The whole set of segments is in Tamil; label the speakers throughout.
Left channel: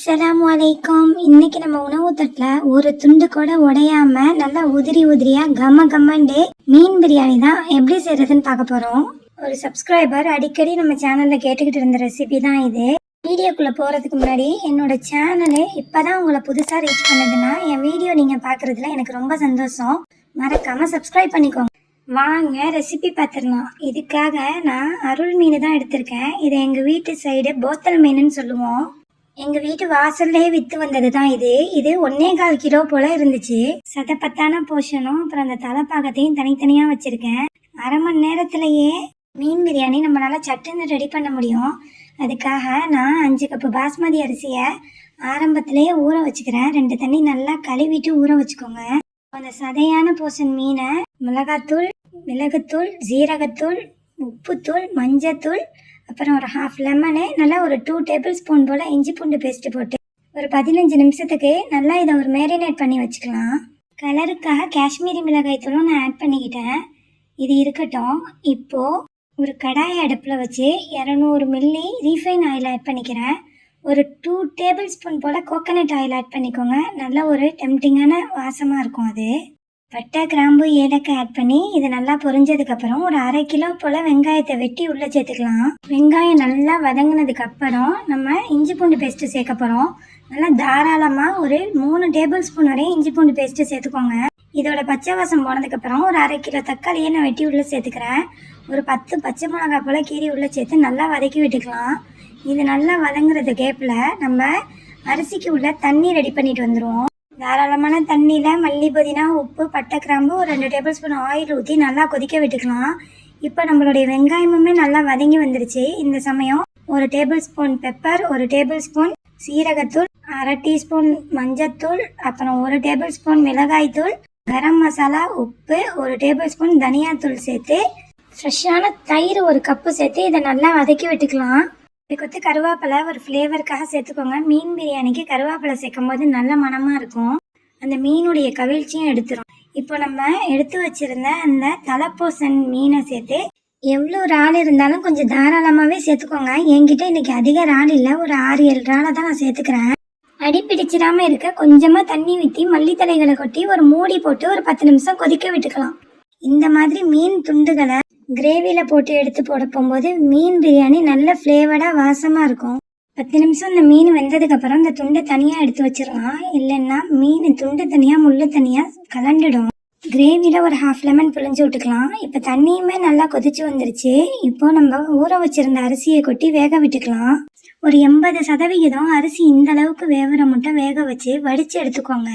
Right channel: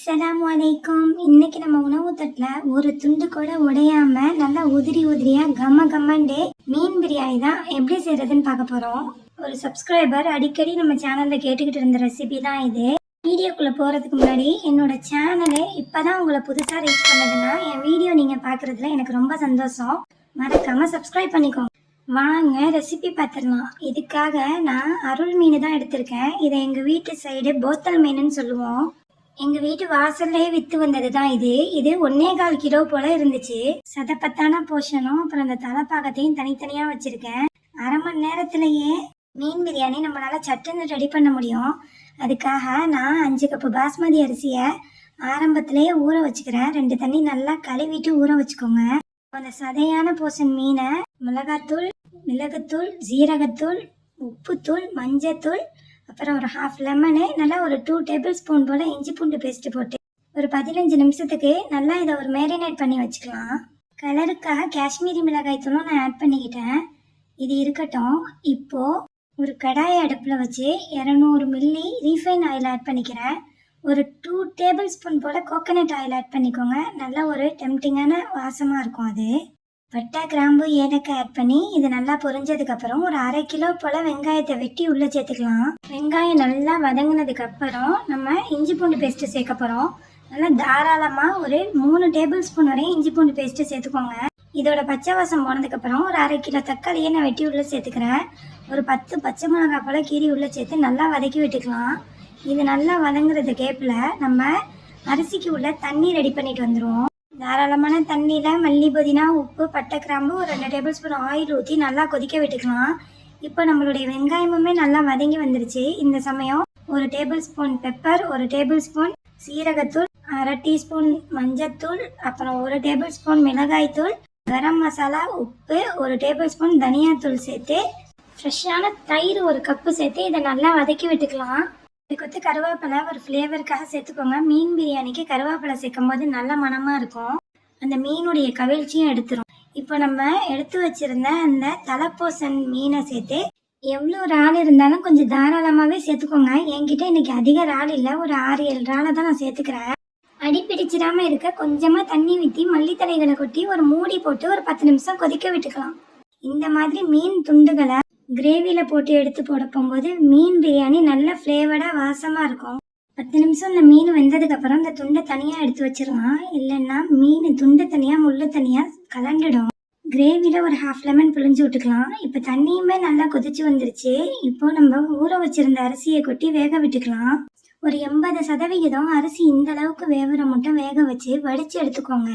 Speaker 1: அஸ்ஸலாமு வலைக்கம் இன்னைக்கு நம்ம உணவு தட்டில் ஒரு துண்டு கூட உடையாம நல்லா உதிரி உதிரியா கம கம்மண்டு மீன் பிரியாணி தான் எப்படி செய்யறதுன்னு பார்க்க போறோம். ஒரு சப்ஸ்கிரைபர் அடிக்கடி நம்ம சேனல்ல கேட்டுக்கிட்டு இருந்த ரெசிபி தான் இது. வீடியோக்குள்ள போறதுக்கு முன்னாடி என்னோட சேனலு இப்பதான் உங்களை புதுசா ரீச் பண்ணதுன்னா என் வீடியோ நீங்க பாக்குறதுல எனக்கு ரொம்ப சந்தோஷம். மறக்காம சப்ஸ்கிரைப் பண்ணிக்கோங்க. வாங்க ரெசிபி பார்த்துடலாம். இதுக்காக நான் அருள் மீன் தான் எடுத்திருக்கேன். இதை எங்கள் வீட்டு சைடு போத்தல் மீனுன்னு சொல்லுவோம். எங்கள் வீட்டு வாசல்லே விற்று வந்தது தான் இது. இது ஒன்னே கால் கிலோ போல் இருந்துச்சு. சதப்பத்தான போர்ஷனும் அப்புறம் அந்த தலைப்பாகத்தையும் தனித்தனியாக வச்சுருக்கேன். அரை மணி நேரத்துலையே மீன் பிரியாணி நம்மளால் சட்டுன்னு ரெடி பண்ண முடியும். அதுக்காக நான் அஞ்சு கப்பு பாஸ்மதி அரிசியை ஆரம்பத்திலேயே ஊற வச்சுக்கிறேன். ரெண்டு தண்ணி நல்லா கழுவிட்டு ஊற வச்சுக்கோங்க. அந்த சதையான போர்ஷன் மீனை மிளகாத்தூள் மிளகுத்தூள் ஜீரகத்தூள் உப்புத்தூள் மஞ்சத்தூள் அப்புறம் ஒரு ஹாஃப் லெமனு நல்லா ஒரு டூ டேபிள் ஸ்பூன் போல் இஞ்சி பூண்டு பேஸ்ட்டு போட்டு ஒரு பதினஞ்சு நிமிஷத்துக்கு நல்லா இதை ஒரு மேரினேட் பண்ணி வச்சுக்கலாம். கலருக்காக காஷ்மீரி மிளகாய் தூளும் நான் ஆட் பண்ணிக்கிட்டேன். இது இருக்கட்டும். இப்போது ஒரு கடாய் அடுப்பில் வச்சு இரநூறு மில்லி ரீஃபைன் ஆயில் ஆட் பண்ணிக்கிறேன். ஒரு டூ டேபிள் ஸ்பூன் போல் கோகனட் ஆயில் ஆட் பண்ணிக்கோங்க. நல்ல ஒரு டெம்டிங்கான வாசமாக இருக்கும் அது. பட்டை கிராம்பு ஏலக்காய் ஆட் பண்ணி இது நல்லா பொரிஞ்சதுக்கப்புறம் ஒரு அரை கிலோ போல் வெங்காயத்தை வெட்டி உள்ளே சேர்த்துக்கலாம். வெங்காயம் நல்லா வதங்கினதுக்கு அப்புறம் நம்ம இஞ்சி பூண்டு பேஸ்ட்டு சேர்க்க போகிறோம் நல்லா தாராளமாக ஒரு மூணு டேபிள் ஸ்பூன் வரையும் இஞ்சி பூண்டு பேஸ்ட்டு சேர்த்துக்கோங்க. இதோட பச்சை வாசம் போனதுக்கப்புறம் ஒரு அரை கிலோ தக்காளியை நான் வெட்டி உள்ளே சேர்த்துக்கிறேன். ஒரு பத்து பச்சை மிளகாய் போல் கீரி உள்ளே சேர்த்து நல்லா வதக்கி விட்டுக்கலாம். இது நல்லா வதங்குறது கேப்பில் நம்ம அரிசிக்கு உள்ள தண்ணி ரெடி பண்ணிட்டு வந்துடுவோம் தாராளமான தண்ணியில் மல்லி புதினா உப்பு பட்டை கிராம்பு ஒரு ரெண்டு டேபிள் ஸ்பூன் ஆயில் ஊற்றி நல்லா கொதிக்க விட்டுக்கலாம். இப்போ நம்மளுடைய வெங்காயமுமே நல்லா வதங்கி வந்துருச்சு. இந்த சமயம் ஒரு டேபிள் ஸ்பூன் பெப்பர் ஒரு டேபிள் ஸ்பூன் சீரகத்தூள் அரை டீஸ்பூன் மஞ்சத்தூள் அப்புறம் ஒரு டேபிள் ஸ்பூன் மிளகாய்த்தூள் கரம் மசாலா உப்பு ஒரு டேபிள் ஸ்பூன் தனியாத்தூள் சேர்த்து ஃப்ரெஷ்ஷான தயிர் ஒரு கப்பு சேர்த்து இதை நல்லா வதக்கி விட்டுக்கலாம். இதுக்கு வந்து கருவேப்பிலை ஒரு ஃப்ளேவருக்காக சேர்த்துக்கோங்க. மீன் பிரியாணிக்கு கருவேப்பிலை சேர்க்கும் போது நல்ல மணமாக இருக்கும். அந்த மீனுடைய கவிழ்ச்சியும் எடுத்துரும். இப்போ நம்ம எடுத்து வச்சிருந்த அந்த தலைப்பூசன் மீனை சேர்த்து எவ்வளோ இறால் இருந்தாலும் கொஞ்சம் தாராளமாகவே சேர்த்துக்கோங்க. என்கிட்ட இன்னைக்கு அதிக இறால் இல்லை. ஒரு ஆறு ஏழு இறாலை தான் நான் சேர்த்துக்கிறேன். அடி பிடிச்சிடாமல் இருக்க கொஞ்சமாக தண்ணி ஊற்றி மல்லித்தலைகளை கொட்டி ஒரு மூடி போட்டு ஒரு பத்து நிமிஷம் கொதிக்க விட்டுக்கலாம். இந்த மாதிரி மீன் துண்டுகளை கிரேவியில் போட்டு எடுத்து போட போகும்போது மீன் பிரியாணி நல்ல ஃப்ளேவர்டாக வாசமாக இருக்கும். பத்து நிமிஷம் இந்த மீன் வெந்ததுக்கப்புறம் இந்த துண்டை தனியாக எடுத்து வச்சிடலாம். இல்லைன்னா மீன் துண்டு தனியாக முள்ளு தனியாக கலண்டுடும் கிரேவியில் ஒரு ஹாஃப் லெமன் பிழிஞ்சு விட்டுக்கலாம். இப்போ தண்ணியுமே நல்லா கொதிச்சு வந்துருச்சு. இப்போ நம்ம ஊற வச்சிருந்த அரிசியை கொட்டி வேக விட்டுக்கலாம். ஒரு எண்பது சதவிகிதம் அரிசி இந்த அளவுக்கு வேவுற மட்டும் வேக வச்சு வடித்து எடுத்துக்கோங்க.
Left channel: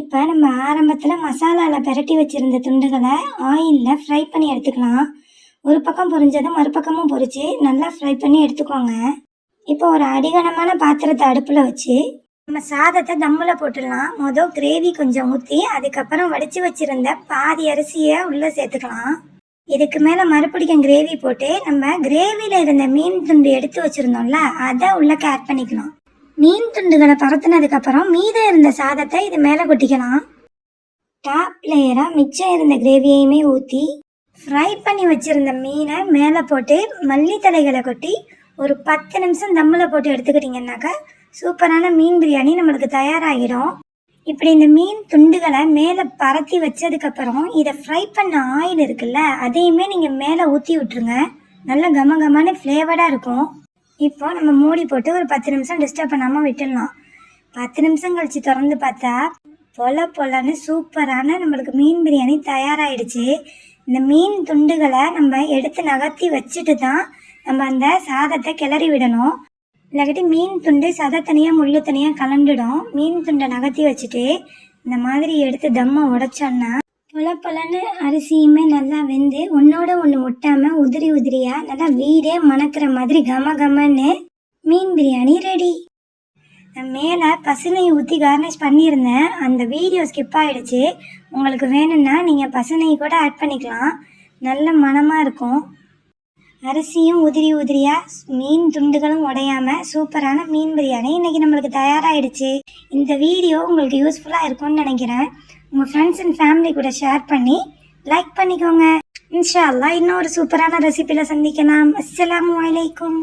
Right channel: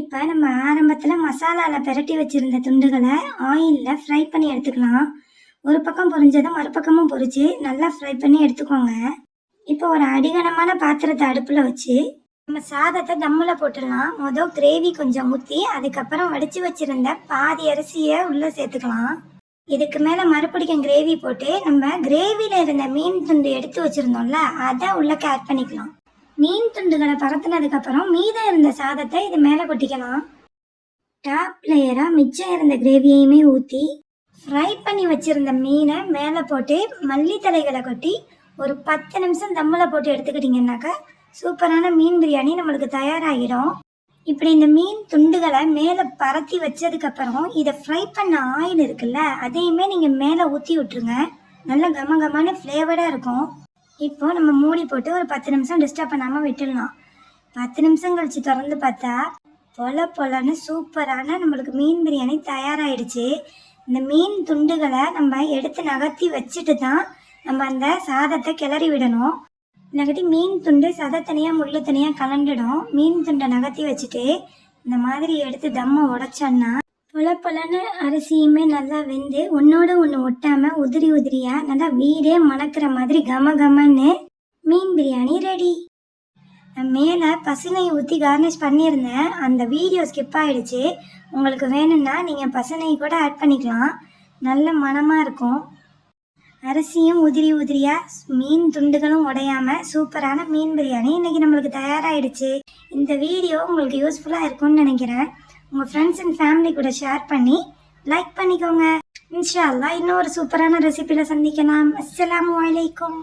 Speaker 1: இப்போ நம்ம ஆரம்பத்தில் மசாலாவில் பிரட்டி வச்சுருந்த துண்டுகளை ஆயிலில் ஃப்ரை பண்ணி எடுத்துக்கலாம். ஒரு பக்கம் பொரிஞ்சதும் மறுபக்கமும் பொரிச்சு நல்லா ஃப்ரை பண்ணி எடுத்துக்கோங்க. இப்போ ஒரு அடிகனமான பாத்திரத்தை அடுப்பில் வச்சு நம்ம சாதத்தை தம்மில் போட்டுடலாம். மொதல் கிரேவி கொஞ்சம் ஊற்றி அதுக்கப்புறம் வடித்து வச்சுருந்த பாதி அரிசியை உள்ளே சேர்த்துக்கலாம். இதுக்கு மேலே மறுபடியும் கிரேவி போட்டு நம்ம கிரேவியில் இருந்த மீன் துண்டு எடுத்து வச்சுருந்தோம்ல அதை உள்ளக்க ஆட் பண்ணிக்கலாம். மீன் துண்டுகளை பரத்துனதுக்கு அப்புறம் மீதம் இருந்த சாதத்தை இது மேலே கொட்டிக்கலாம். டாப் லேயராக மிச்சம் இருந்த கிரேவியையுமே ஊற்றி ஃப்ரை பண்ணி வச்சிருந்த மீனை மேலே போட்டு மல்லித்தலைகளை கொட்டி ஒரு பத்து நிமிஷம் தம்மில் போட்டு எடுத்துக்கிட்டிங்கன்னாக்கா சூப்பரான மீன் பிரியாணி நம்மளுக்கு தயாராகிடும். இப்படி இந்த மீன் துண்டுகளை மேலே பரத்தி வச்சதுக்கப்புறம் இதை ஃப்ரை பண்ண ஆயில் இருக்குல்ல அதையுமே நீங்கள் மேலே ஊற்றி விட்டுருங்க. நல்ல கம கமான ஃப்ளேவர்டாக இருக்கும். இப்போ நம்ம மூடி போட்டு ஒரு பத்து நிமிஷம் டிஸ்டர்ப் பண்ணாமல் விட்டுடலாம். பத்து நிமிஷம் கழிச்சு திறந்து பார்த்தா பொல பொலன்னு சூப்பரான நம்மளுக்கு மீன் பிரியாணி தயாராகிடுச்சு இந்த மீன் துண்டுகளை நம்ம எடுத்து நகர்த்தி வச்சுட்டு தான் நம்ம அந்த சாதத்தை கிளறி விடணும். இல்லாட்டி மீன் துண்டு சதை தனியாக முள்ளு தனியாக கலண்டுடும் மீன் துண்டை நகர்த்தி வச்சுட்டு இந்த மாதிரி எடுத்து தம்மை உடைச்சோன்னா புல புலன்னு அரிசியுமே நல்லா வெந்து ஒன்னோட ஒன்று ஒட்டாமல் உதிரி உதிரியாக நல்லா வீடே மணக்கிற மாதிரி கம கமன்னு மீன் பிரியாணி ரெடி மேலே பசுனை ஊற்றி கார்னிஷ் பண்ணியிருந்தேன். அந்த வீடியோ ஸ்கிப் ஆகிடுச்சு உங்களுக்கு வேணும்னா நீங்கள் பசுனை கூட ஆட் பண்ணிக்கலாம். நல்ல மனமாக இருக்கும். அரிசியும் உதிரி உதிரியாக மீன் துண்டுகளும் உடையாம சூப்பரான மீன் பிரியாணி இன்னைக்கு நம்மளுக்கு தயாராகிடுச்சு இந்த வீடியோ உங்களுக்கு யூஸ்ஃபுல்லாக இருக்கும்னு நினைக்கிறேன். உங்கள் ஃப்ரெண்ட்ஸ் அண்ட் ஃபேமிலி கூட ஷேர் பண்ணி லைக் பண்ணிக்கோங்க. இன்ஷா அல்லா இன்னும் ஒரு சூப்பரான ரெசிபியில் சந்திக்கலாம். அஸ்லாம் வலைக்கும்